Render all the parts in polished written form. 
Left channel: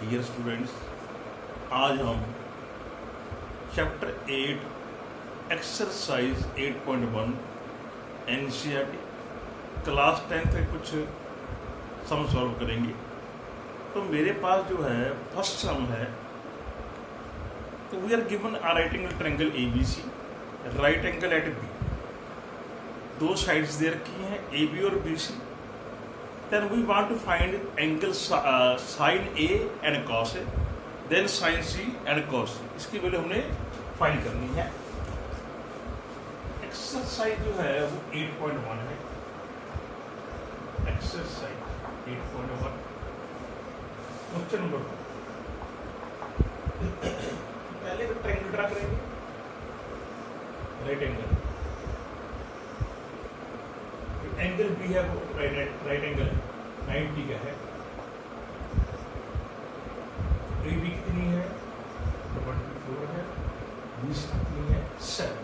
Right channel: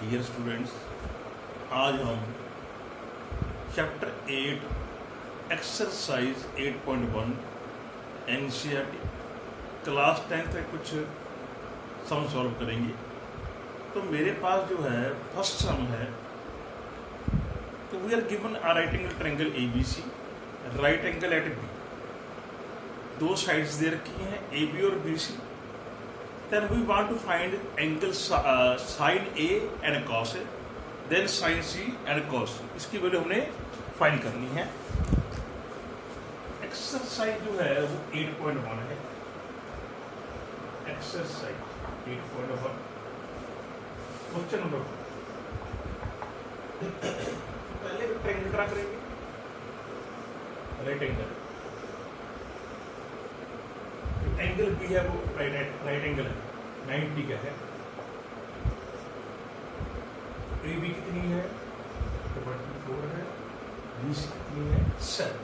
Dear students, आज हम chapter 8 exercise 8.1 NCERT class 10 पे कुछ सम सॉल्व करेंगे। तो मेरे पास जो है फर्स्ट सम है, तो we are given a right angle triangle A B C, right angle at B, दो साइड्स दे रखी हैं ए बी और B C. Then we want to find angle sin A and cos A, then sin C and cos C। इसकी value हमने find करनी है। Exercise जो है वो 8.1 है। Exercise 8.1 question number 2। पहले ट्रायंगल ड्रा करेंगे, राइट एंगल। एंगल बी है वो राइट एंगल है, 90 का है। ए बी कितनी है? 24 है। बी सी कितनी है? 7।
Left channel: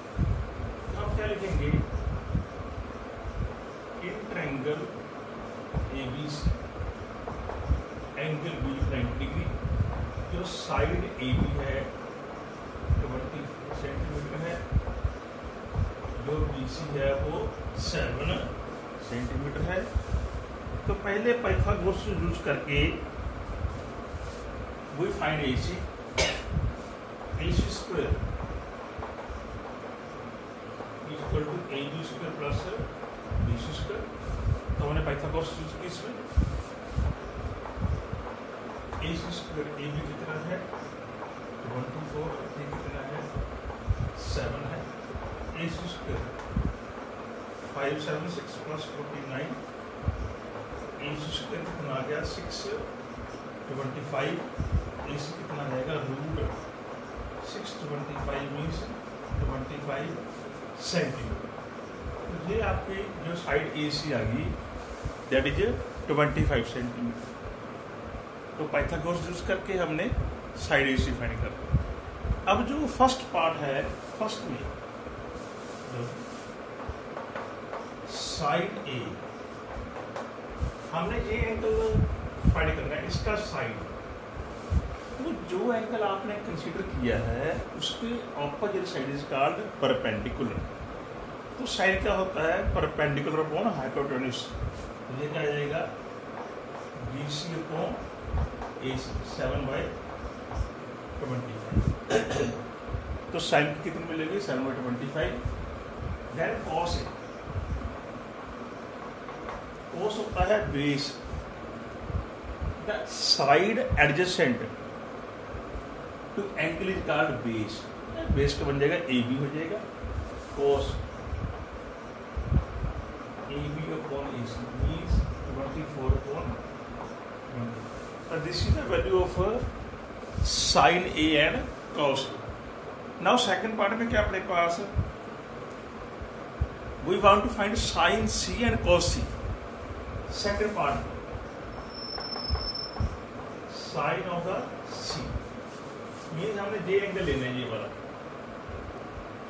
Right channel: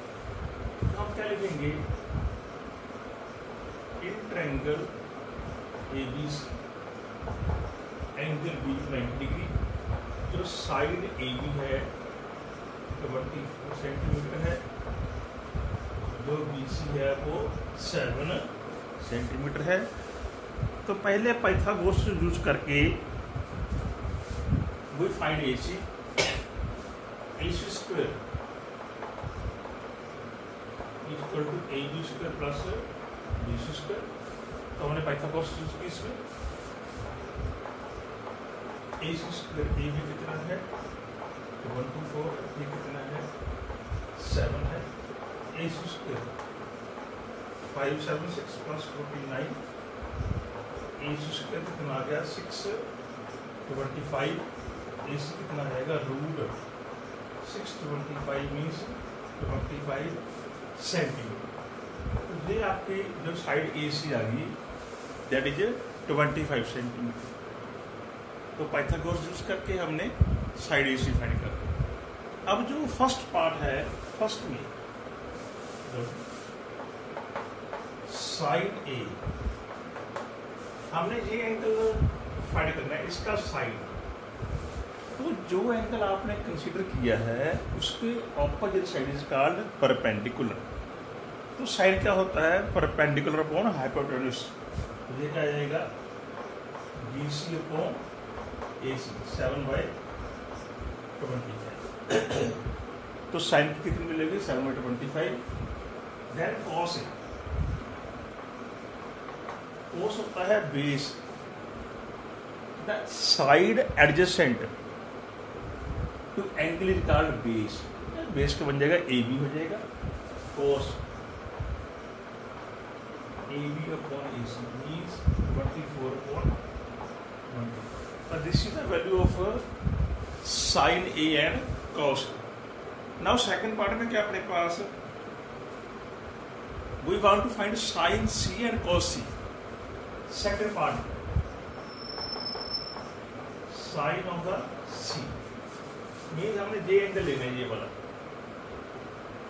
तो आप क्या लिखेंगे? In triangle A B C angle B 90 degree, जो साइड ए बी है 24 सेंटीमीटर है, जो बी सी है वो 7 सेंटीमीटर है। तो पहले पाइथागोरस यूज करके we find AC square equal to AB square plus BC square. तो हमने पाइथागोरस यूज की इसमें। AC स्क्वायर AB कितना है? 124। ये कितना है? 7 है। AC square 576 plus 49। AC square कितना आ गया? 625। AC कितना आएगा? Root 625 means 25 centimetre. तो ये आपकी जो साइड AC आ गई दैट इज 25 सेंटीमीटर। तो पाइथागोरस यूज करके हमने साइड AC फाइंड कर दिया। अब जो फर्स्ट पार्ट है, फर्स्ट में साइड ए, हमने ये एंगल फाइंड करना है, इसका साइड। तो जो एंगल आपने कंसीडर किया है उसके opposite side is called perpendicular. तो साइड क्या होता है? Perpendicular upon hypotenuse. तो ये क्या आ जाएगा? BC upon AC 7/25। तो साइन कितनी मिलेगी? 7/25। देन कॉस ए, कोस होता है base, the side adjacent to angle is called base. Base तो बन जाएगा AB हो जाएगा cos AB upon AC means 24 upon 20। This is the value of sine A and cos. Now second part में क्या अपने पास? We want to find sine C and cos C। Second part sine of the C means हमने जे angle लेना है, ये वाला।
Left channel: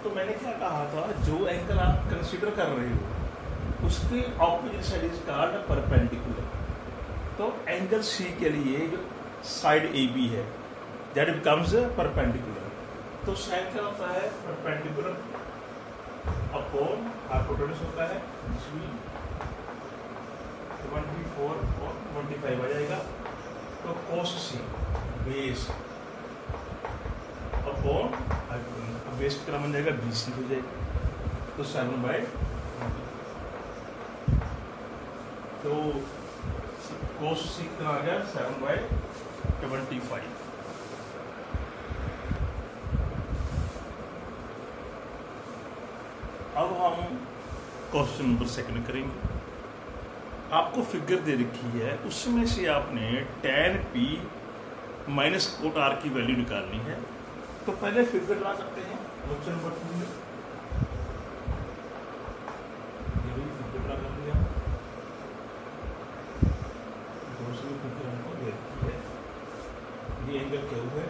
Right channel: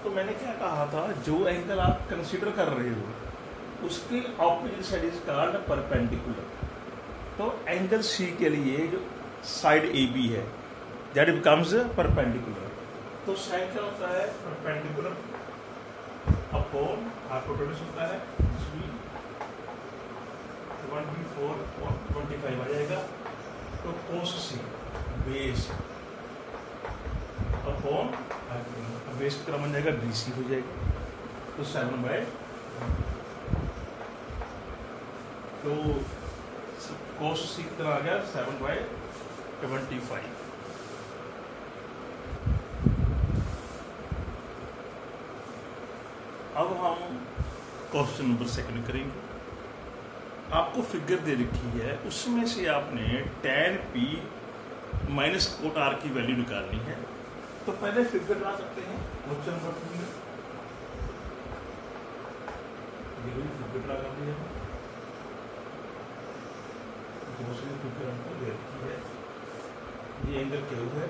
तो मैंने क्या कहा था, जो एंगल आप कंसीडर कर रहे हो उसके opposite side is called perpendicular. तो एंगल C के लिए जो साइड AB है दैट बिकम्स परपेंडिकुलर। तो साइन क्या होता है? परपेंडिकुलर अपॉन हाइपोटेन्यूज होता है 24 और 25 आ जाएगा। तो कोस C बेस अपॉन बेस कितना बन जाएगा? BC हो जाएगा। तो 7/20। तो कोस C कितना आ गया? 7/25। अब हम क्वेश्चन नंबर सेकंड करेंगे। आपको फिगर दे रखी है, उसमें से आपने tan P minus cot R की वैल्यू निकालनी है। तो पहले फिगर ड्रा करते हैं क्वेश्चन नंबर 2 में। फिगर ड्रा कर दिया। दूसरी फिगर हमको दे रखी है, ये एंगल क्या है?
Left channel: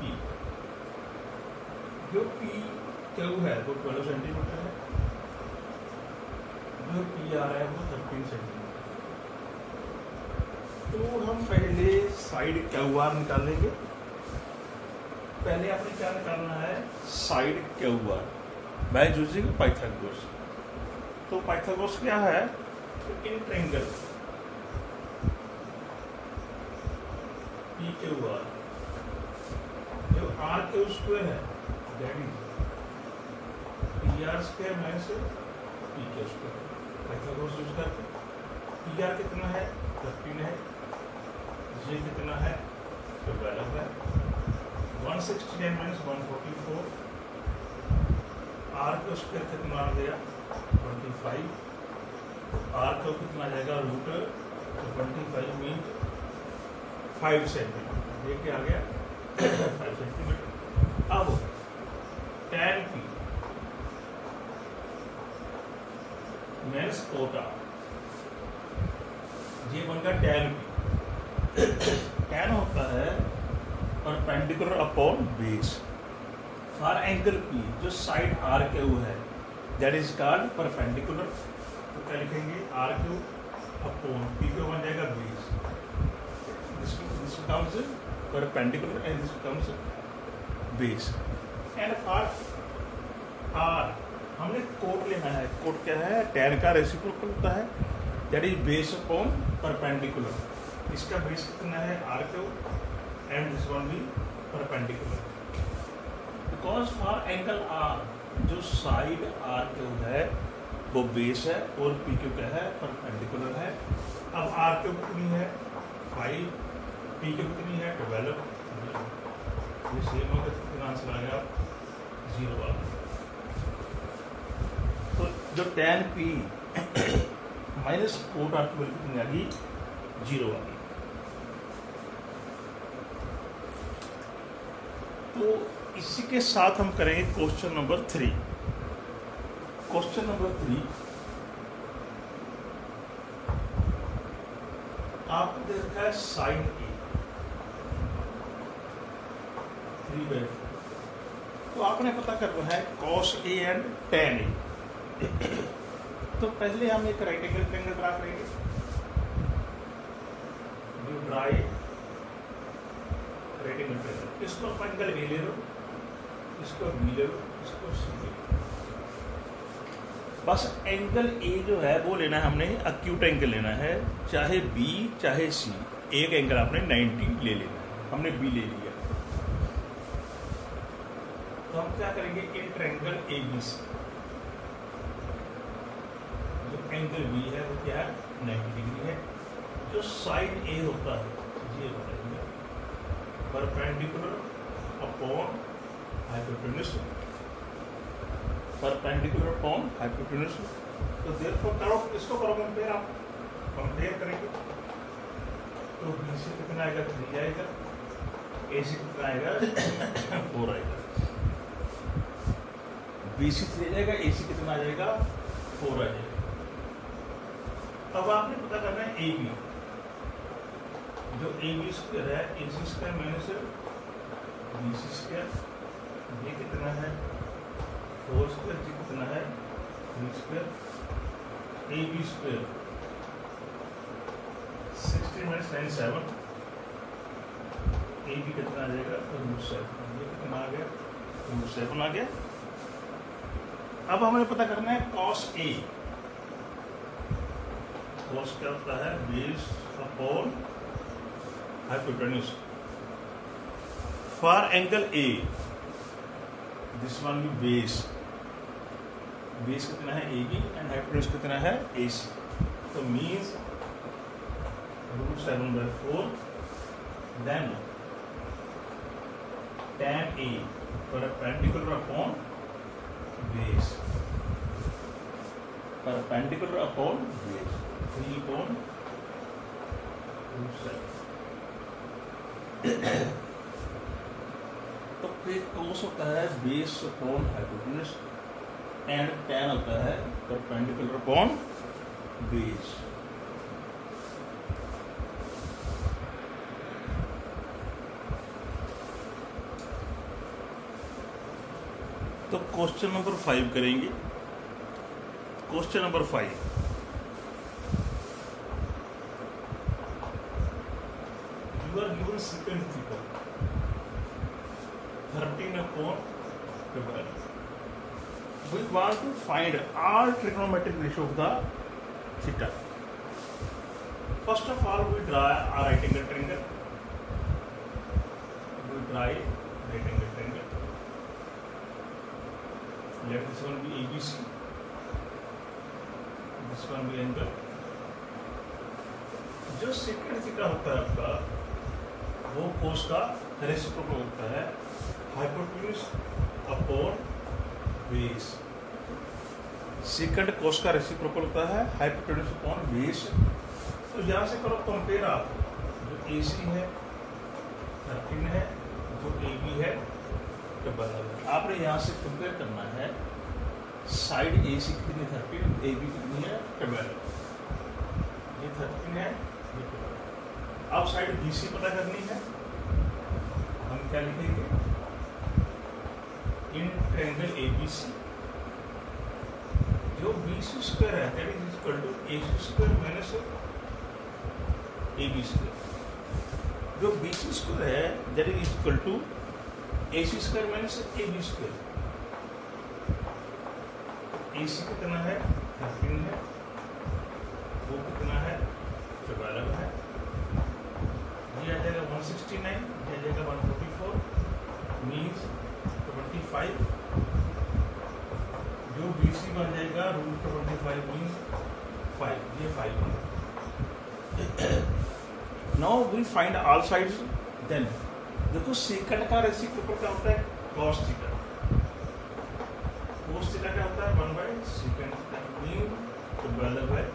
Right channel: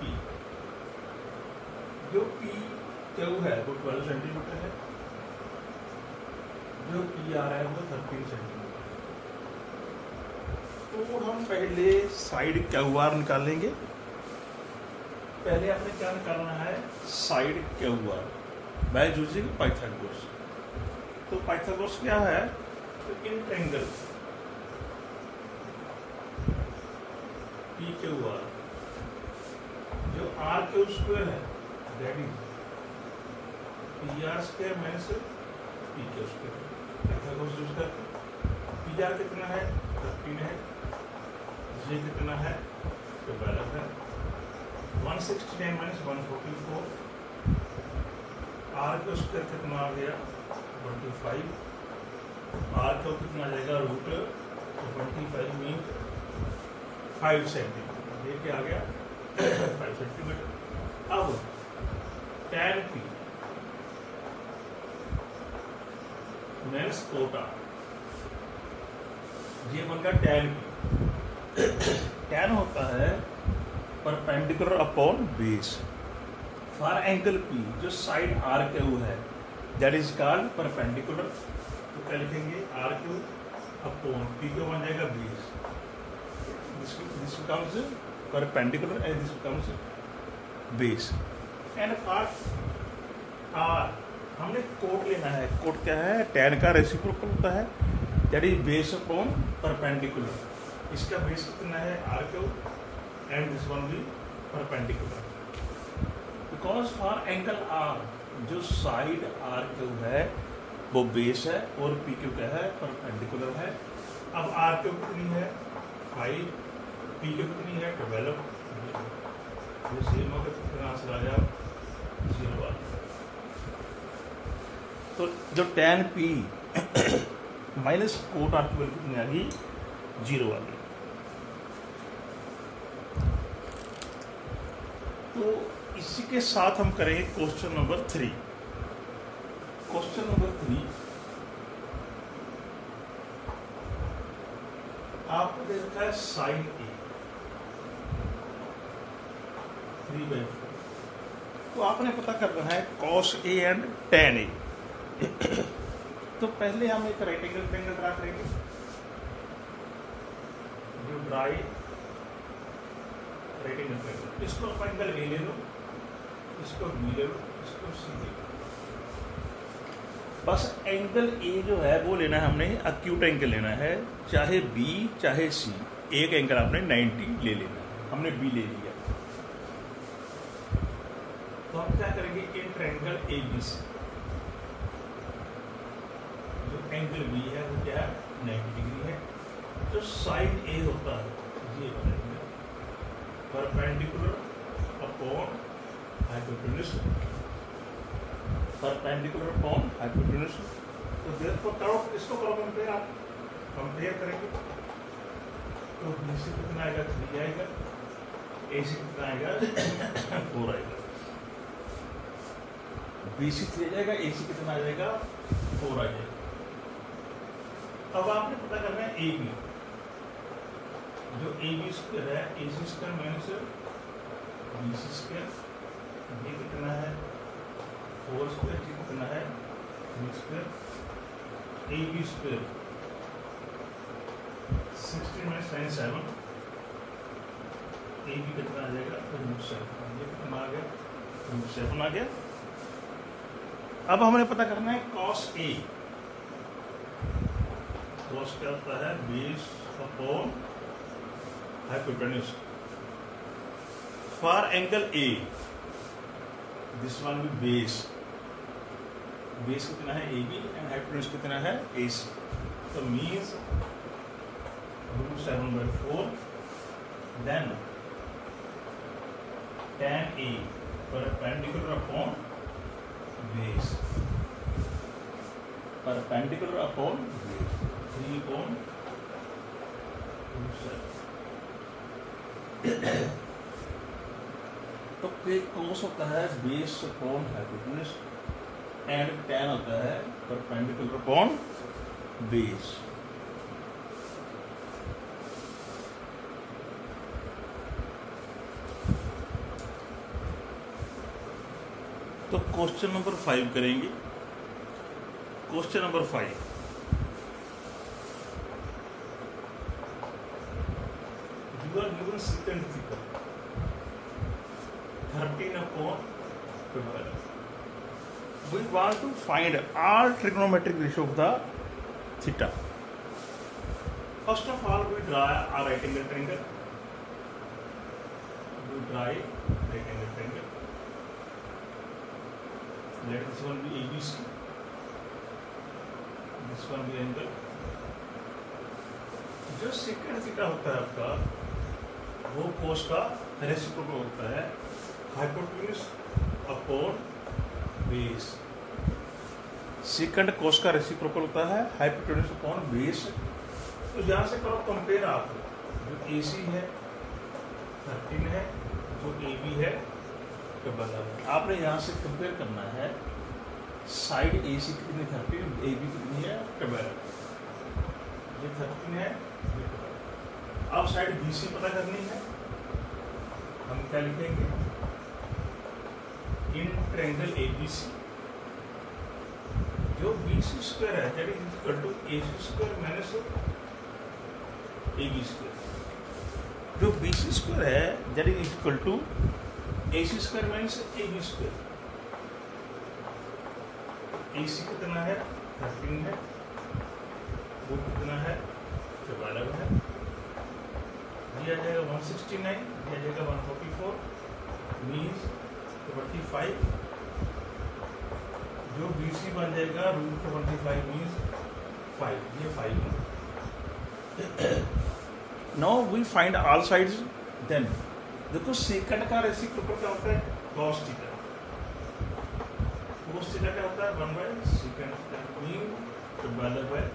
P, जो P क्यू है वो 12 सेंटीमीटर है। जो पी आर है वो 13 सेंटीमीटर। तो हम पहले साइड क्यू आर निकालेंगे। पहले आपने क्या निकालना है, side Q R by using Pythagoras. तो पाइथागोरस क्या है, तो in triangle P Q R जो आर क्यू स्क्वायर है that is P R square minus P Q square. Pythagoras use करके पी आर कितना है 15 है, जे कितना है 12 है, 169 माइनस 144, आर क्यू स्क्वायर कितना आ गया 25, आर क्यू कितना आ जाएगा रूट 25 मीन 5 सेंटीमीटर, ये क्या आ गया 5 सेंटीमीटर। अब tan p माइनस कोटा ये बनकर tan p। tan होता है perpendicular upon base for angle p जो साइड आर क्यू है दैट इज कॉल्ड परपेंडिकुलर। तो क्या लिखेंगे आर क्यू अपॉन p को बन जाएगा base, this becomes perpendicular and this becomes base and for r हमने कोट लेना है। कोट क्या है, tan का रेसिप्रोकल होता है that is base upon perpendicular. इसका बेस कितना है r Q and this one भी perpendicular because for angle r जो साइड r क्यू है वो बेस है और p क्यू क्या है परपेंडिकुलर है। अब r क्यू कितनी है 5, p क्यू कितनी है 12, ये सेम होगा कितना आंसर आएगा 0 वाला। तो जो tan p minus cot r की वैल्यू कितनी आ गई 0 वाली। तो इसी के साथ हम करेंगे क्वेश्चन नंबर 3। क्वेश्चन नंबर 3 आपको देखा है साइन ए 3/4। तो आपने पता करना है कॉस ए एंड टेन ए। तो पहले हम एक राइट एंगल ट्रायंगल ड्रा करेंगे। जो ड्राई राइट एंगल ट्रायंगल, इसको आप एंगल ए ले लो, इसको बी ले लो, इसको सी ले लो। बस एंगल ए जो है वो लेना है हमने, एक्यूट एंगल लेना है, चाहे बी चाहे सी। एक एंगल आपने 90 ले लेना है, हमने बी ले लिया। तो हम क्या करेंगे इन ट्रायंगल ए बी सी जो एंगल बी है वो क्या है 90 डिग्री है। जो साइड ए होता है ये बनेगा perpendicular upon hypotenuse, perpendicular upon hypotenuse. तो देखो करो, इसको करो कंपेयर, आप कंपेयर करेंगे तो बी से कितना आएगा 3 आएगा, ए से कितना आएगा 4 आएगा। बी से 3 आएगा, ए से कितना आ जाएगा 4 आ जाएगा। अब आपने पता करना है ए बी, जो ए बी स्क्वायर है A C square minus B C square, ये कितना है 4 स्क्वायर, जी कितना है 3 square, A B square 16 minus 9 7, A B कितना आ जाएगा √7, ये कितना आ गया √7 आ गया। अब हमें पता करना है कॉस ए। कॉस क्या होता है base upon hypotenuse for angle A, this one भी बेस, बेस कितना है ए बी एंड हाइपोटेन्यूज कितना है ए सी। तो means √7/4 then tan A perpendicular upon base, perpendicular upon base 3/7। तो cos होता है base upon hypotenuse and tan होता है परपेंडिकुलर अपॉन बेस। तो क्वेश्चन नंबर 5 करेंगे। Question number 5 secant theta 13/12. We want to find all trigonometric ratio of the theta. First of all, we draw a right angle triangle. Let this one be ABC. This one be angle. जो secant theta होता है आपका, वो cos का reciprocal होता है hypotenuse upon base. secant cos का reciprocal होता है हाइपोटेन्यूज अपॉन बेस. तो यहाँ से करो कंपेयर आप, जो AC है 13 है, जो AB है 12 है. आपने यहाँ से कंपेयर करना है साइड AC कितनी 13, AB कितनी है 12. ये 13 है, ये 12. अब साइड BC पता करनी है. हम क्या लिखेंगे? इन ट्रायंगल ABC जो BC स्क्वायर है that is equal to AC square minus AB square. जो BC स्क्वायर है that is equal to AC square minus AB square. AC कितना है 13 है, वो कितना है 12 है. ये आ जाएगा 169, ये आ जाएगा 144 मीन्स 25. जो BC बन जाएगा रूट 25 मीन्स 5. ये 5 बन. Now we find all sides. Then देखो सेकंड का रेसिप्रोकल क्या होता है cos थीटा. cos थीटा क्या होता है 1/secant मीन 12/13.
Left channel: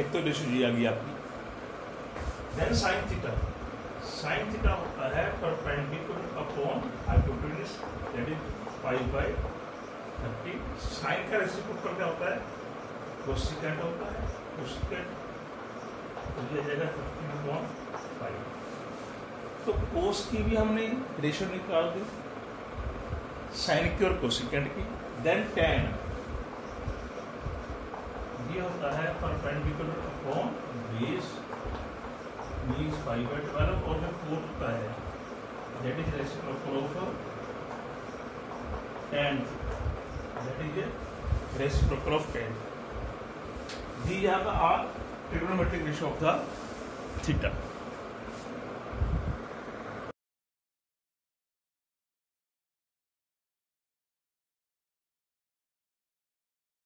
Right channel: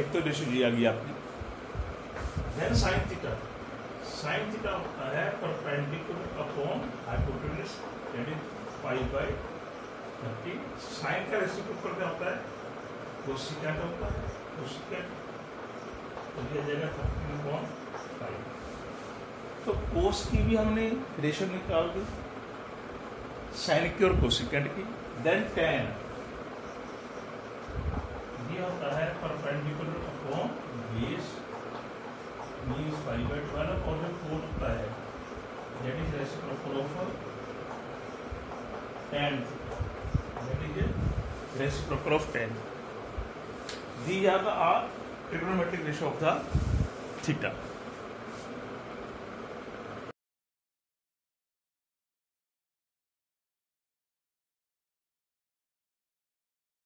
एक तो रेशियो आ गई आपकी. Then sin theta. sin theta होता है perpendicular upon hypotenuse that is 5/13. sin का रेसिप्रोकल क्या होता है cosecant होता है. cosecant तो ये जाएगा 13/5. तो cos की भी हमने रेशियो निकाल दी, sin की और cosecant की. देन tan ये होता है परपेंडिकुलर अपॉन बेस मीन्स 5/12. और जो कोट होता है that is reciprocal of tan, that is reciprocal of tan. These are the trigonometric ratio of the theta.